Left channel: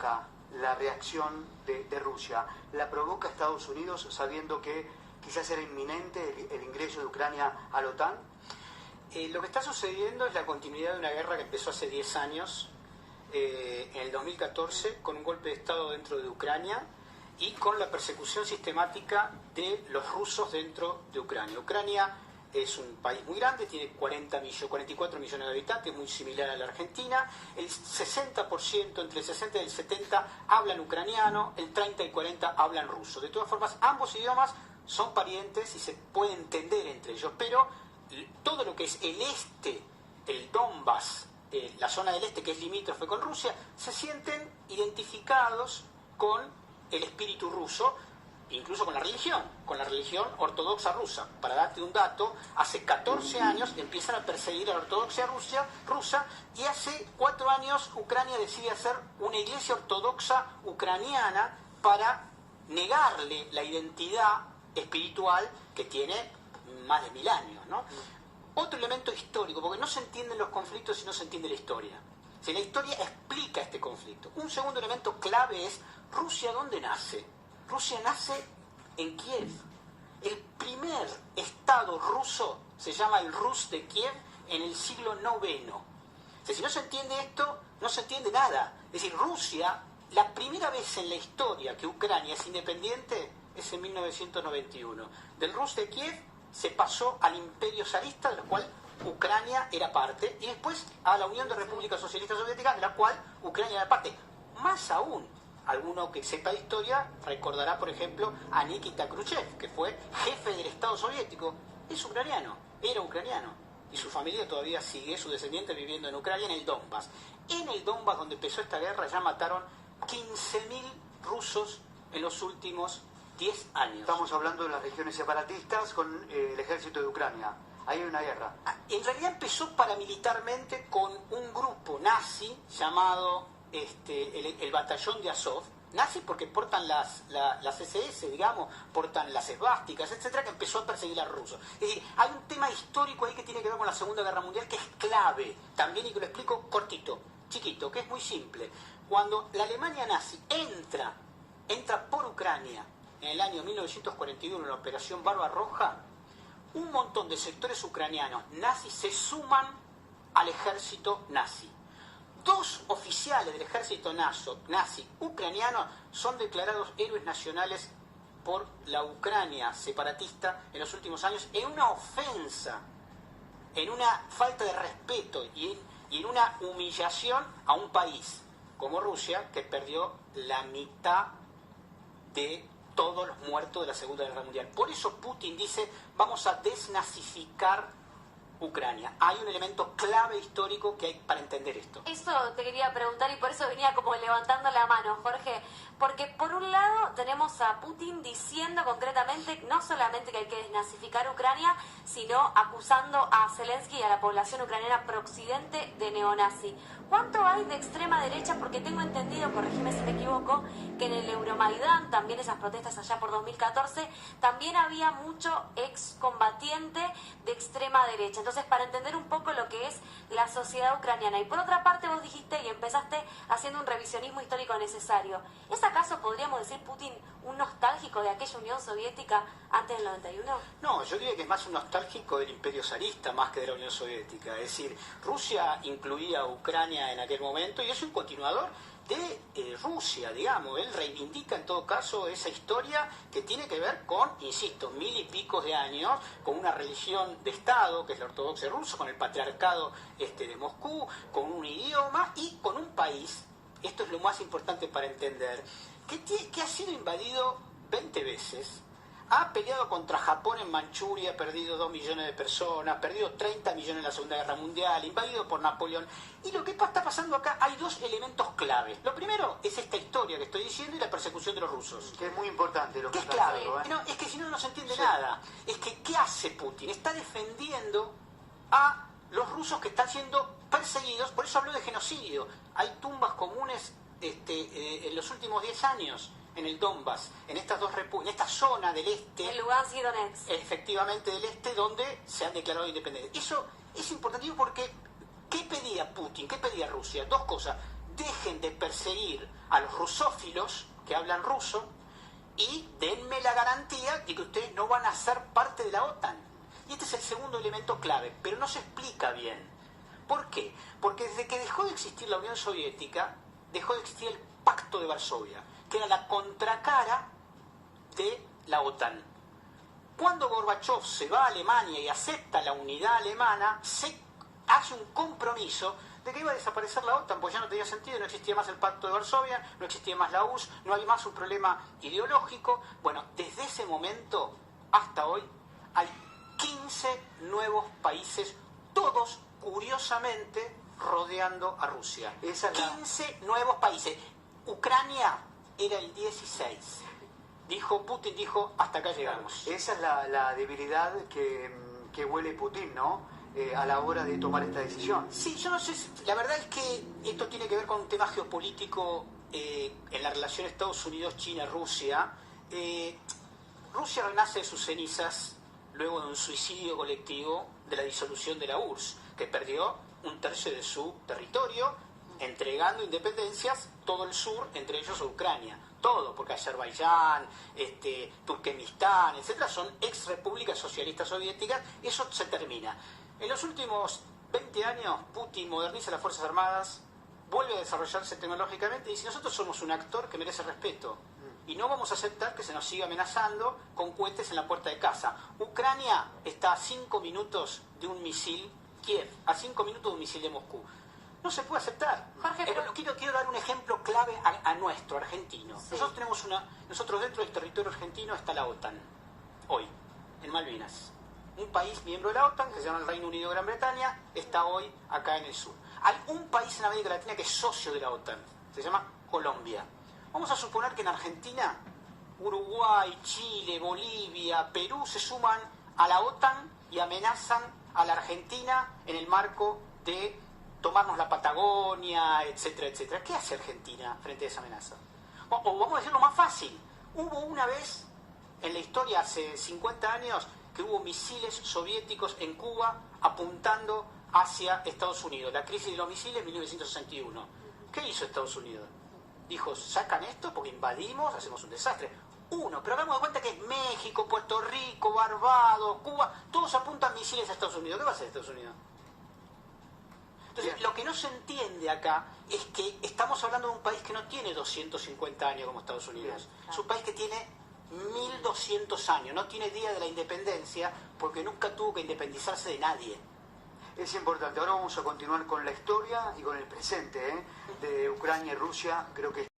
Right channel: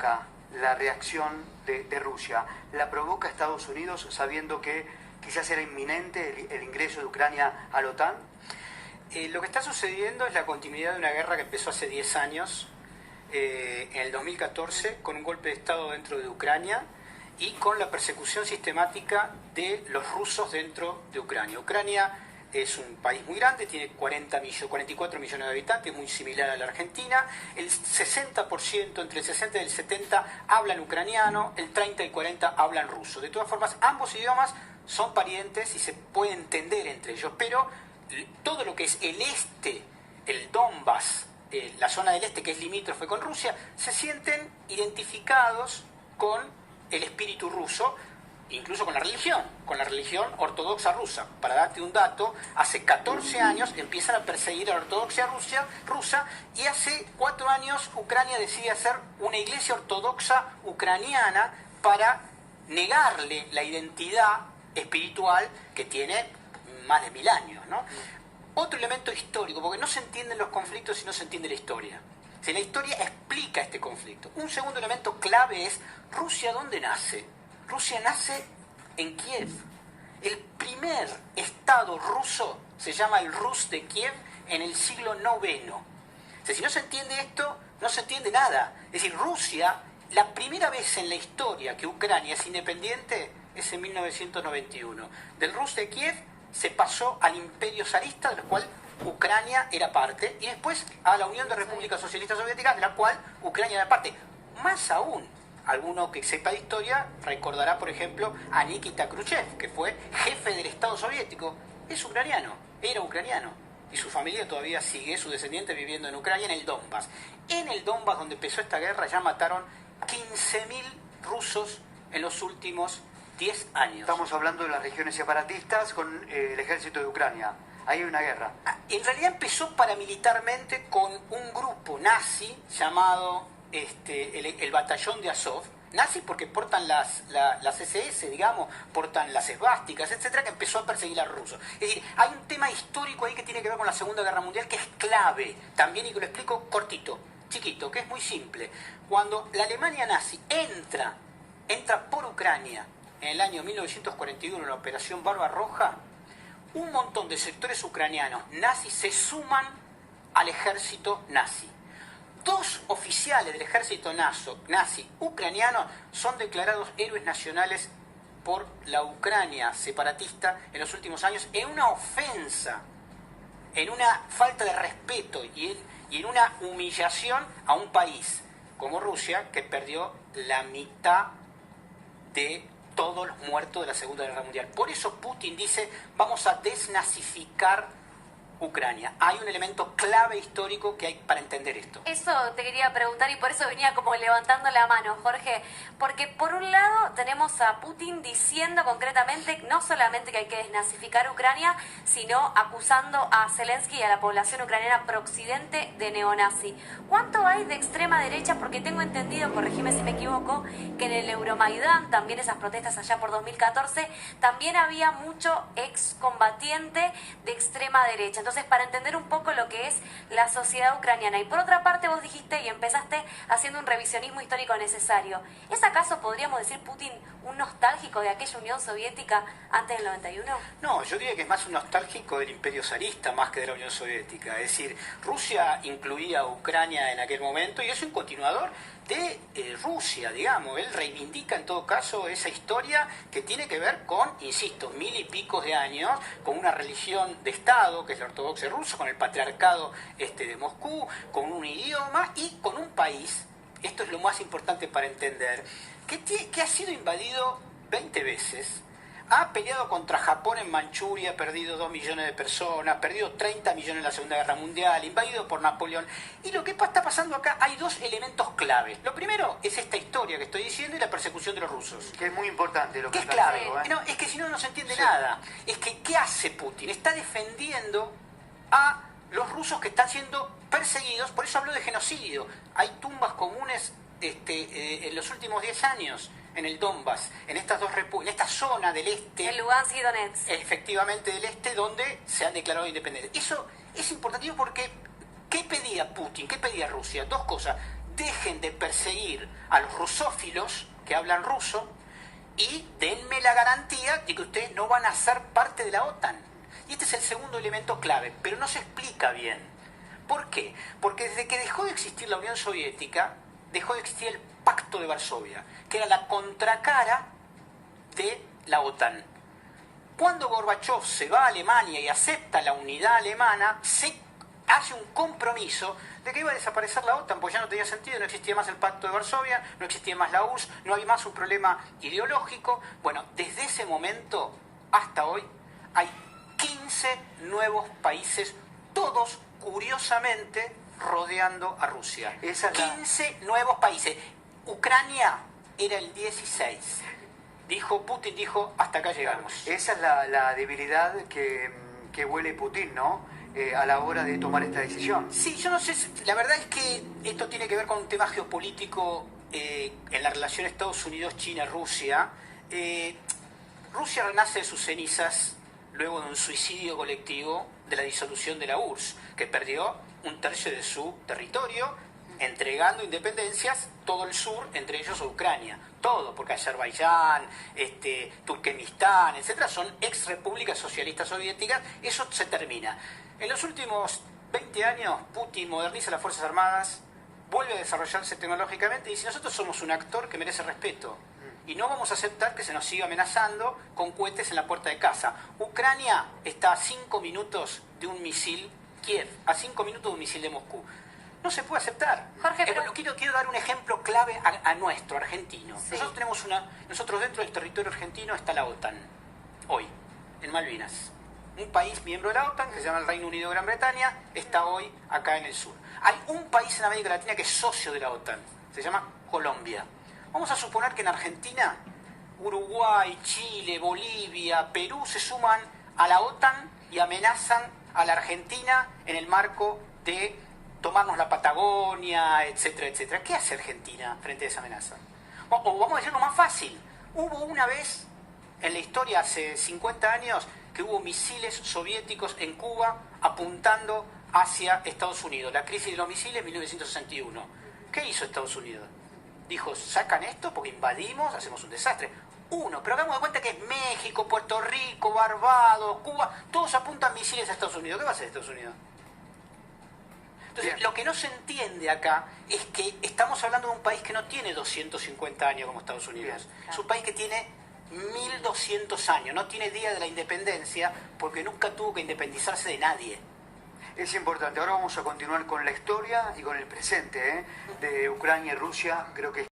provoca la reacción de Rusia? ¿La provoca Estados Unidos sabiendo que quizás era inminente el ingreso de Ucrania a la OTAN? Lo que está sucediendo es la continuidad de una guerra que empezó hace 10 años, en el 2014, con un golpe de Estado dentro de Ucrania y con la persecución sistemática de los rusos dentro de Ucrania. Ucrania es un país muy grande, tiene 44 millones de habitantes, muy similar a la Argentina. El 60%, entre el 60 y el 70, hablan ucraniano, el 30 y el 40 hablan ruso. De todas formas, ambos idiomas son parientes y se puede entender entre ellos, pero todo lo que es el este, el Donbass, la zona del este que es limítrofe con Rusia, se sienten identificados con el espíritu ruso, incluso con la religión ortodoxa rusa. Para darte un dato, hace 14 años empiezan a perseguir a la ortodoxia rusa y hace 4 años Ucrania decide hacer una iglesia ortodoxa ucraniana para negarle la identidad espiritual que tiene más de 1000 años, ¿no? Otro elemento histórico, porque no se entienden los conflictos si no se entiende la historia. Si la historia explica este conflicto. Un segundo elemento clave es Rusia, ¿dónde nace? Rusia nace en Kiev. El primer estado ruso se llama el Rus de Kiev en el siglo IX. O sea, si no se entiende esto, no se entiende nada. Es decir, Rusia, la primera vez en la historia que Ucrania es independiente es en 1991. Del Rus de Kiev se pasó al Imperio zarista, de la cual Ucrania era parte, y después a la Unión de Repúblicas Socialistas Soviéticas, de la cual Ucrania era parte. Más aún, alguno que sepa de historia recordará, por ejemplo, a Nikita Khrushchev, que fue jefe del Estado soviético. Es ucraniano, era ucraniano, y su familia todavía sigue, su descendiente viviendo en Ucrania, en el Donbass. En el Donbass, donde empezó esta guerra, ya mataron 15.000 rusos en los últimos 10 años. Estamos hablando de las regiones separatistas con el ejército de Ucrania. Ahí hay una guerra. En realidad empezó paramilitarmente con un grupo nazi llamado el batallón de Azov. Nazi porque portan las SS, digamos, portan las esvásticas, etcétera, que empezó a perseguir a los rusos. Es decir, hay un tema histórico ahí que tiene que ver con la Segunda Guerra Mundial que es clave también, y que lo explico cortito, chiquito, que es muy simple. Cuando la Alemania nazi entra por Ucrania en el año 1941 en la Operación Barbarroja, un montón de sectores ucranianos nazis se suman al ejército nazi. 2 oficiales del ejército nazi ucraniano son declarados héroes nacionales por la Ucrania separatista en los últimos años, en una ofensa, en una falta de respeto y en una humillación a un país como Rusia, que perdió la mitad de todos los muertos de la Segunda Guerra Mundial. Por eso Putin dice, vamos a desnazificar Ucrania. Hay un elemento clave histórico que hay para entender esto. Eso te quería preguntar y por eso venía como levantando la mano, Jorge. Porque por un lado tenemos a Putin diciendo concretamente no solamente que hay que desnazificar Ucrania, sino acusando a Zelensky y a la población ucraniana pro-occidente de neonazi. ¿Cuánto hay de extrema derecha? Porque tengo entendido, corregime si me equivoco, que en el Euromaidán, también esas protestas allá por 2014, también había mucho excombatiente de extrema derecha. Entonces, para entender un poco lo que es la sociedad ucraniana. Y por otra parte, vos dijiste y empezaste haciendo un revisionismo histórico necesario. ¿Es acaso, podríamos decir, Putin un nostálgico de aquella Unión Soviética antes del 91? No, yo diría que es más un nostálgico del Imperio zarista más que de la Unión Soviética. Es decir, Rusia incluía a Ucrania en aquel momento y es un continuador de Rusia, digamos. Él reivindica en todo caso esa historia que tiene que ver con, insisto, 1000 y pico de años, con una religión de Estado, que es la ortodoxia rusa, con el patriarcado de Moscú, con un idioma y con un país, esto es lo más importante para entender, que ha sido invadido 20 veces, ha peleado contra Japón en Manchuria, ha perdido 2 millones de personas, ha perdido 30 millones en la Segunda Guerra Mundial, invadido por Napoleón. Y lo que está pasando acá, hay 2 elementos claves. Lo primero es esta historia que estoy diciendo y la persecución de los rusos. Que es muy importante lo que es clave. digo, ¿eh? No, es que si no, no se entiende nada. Es que, ¿qué hace Putin? Está defendiendo a los rusos que están siendo perseguidos, por eso hablo de genocidio. Hay tumbas comunes en los últimos 10 años en el Donbass, en estas 2 repúblicas, en esta zona del este, en Lugansk y Donetsk, efectivamente del este, donde se han declarado independientes. Eso es importante porque ¿qué pedía Putin? ¿Qué pedía Rusia? 2 cosas: dejen de perseguir a los rusófilos que hablan ruso y denme la garantía de que ustedes no van a ser parte de la OTAN. Y este es el segundo elemento clave, pero no se explica bien. ¿Por qué? Porque desde que dejó de existir la Unión Soviética, dejó de existir el Pacto de Varsovia, que era la contracara de la OTAN. Cuando Gorbachev se va a Alemania y acepta la unidad alemana, se hace un compromiso de que iba a desaparecer la OTAN, porque ya no tenía sentido, no existía más el Pacto de Varsovia, no existía más la URSS, no había más un problema ideológico. Bueno, desde ese momento hasta hoy hay 15 nuevos países, todos curiosamente rodeando a Rusia. 15 nuevos países. Ucrania era el 16. Putin dijo, hasta acá llegamos. Esa es la debilidad que huele Putin, ¿no? A la hora de tomar esta decisión. Sí, yo no sé, la verdad es que esto tiene que ver con un tema geopolítico en la relación Estados Unidos, China, Rusia. Rusia renace de sus cenizas luego de un suicidio colectivo de la disolución de la URSS, que perdió un tercio de su territorio, entregando independencias, todo el sur, entre ellos a Ucrania. Todo, porque Azerbaiyán, Turkmenistán, etcétera, son ex repúblicas socialistas soviéticas. Eso se termina. En los últimos 20 años, Putin moderniza las Fuerzas Armadas, vuelve a desarrollarse tecnológicamente y dice, nosotros somos un actor que merece respeto y no vamos a aceptar que se nos siga amenazando con cohetes en la puerta de casa. Ucrania está a 5 minutos de un misil, Kiev, a 5 minutos de un misil de Moscú. No se puede aceptar. Jorge, pero... quiero dar un ejemplo clave a nuestro argentino. Sí. Nosotros dentro del territorio argentino está la OTAN, hoy, en Malvinas. Un país miembro de la OTAN, que se llama el Reino Unido de Gran Bretaña, está hoy acá en el sur. Hay un país en América Latina que es socio de la OTAN, se llama Colombia. Vamos a suponer que en Argentina, Uruguay, Chile, Bolivia, Perú se suman a la OTAN y amenazan a la Argentina en el marco de tomarnos la Patagonia, etcétera, etcétera. ¿Qué hace Argentina frente a esa amenaza? O vamos a decirlo más fácil. Hubo una vez en la historia, hace 50 años, que hubo misiles soviéticos en Cuba apuntando hacia Estados Unidos. La crisis de los misiles en 1961. ¿Qué hizo Estados Unidos? Dijo, sacan esto porque invadimos, hacemos un desastre. Pero hagamos de cuenta que es México, Puerto Rico, Barbados, Cuba, todos apuntan misiles a Estados Unidos. ¿Qué va a hacer Estados Unidos? Entonces, Bien. lo que no se entiende acá es que estamos hablando de un país que no tiene 250 años como Estados Unidos. Bien. Es un país que tiene 1200 años, no tiene día de la independencia porque nunca tuvo que independizarse de nadie. Es importante. Ahora vamos a continuar con la historia y con el presente de Ucrania y Rusia. Creo que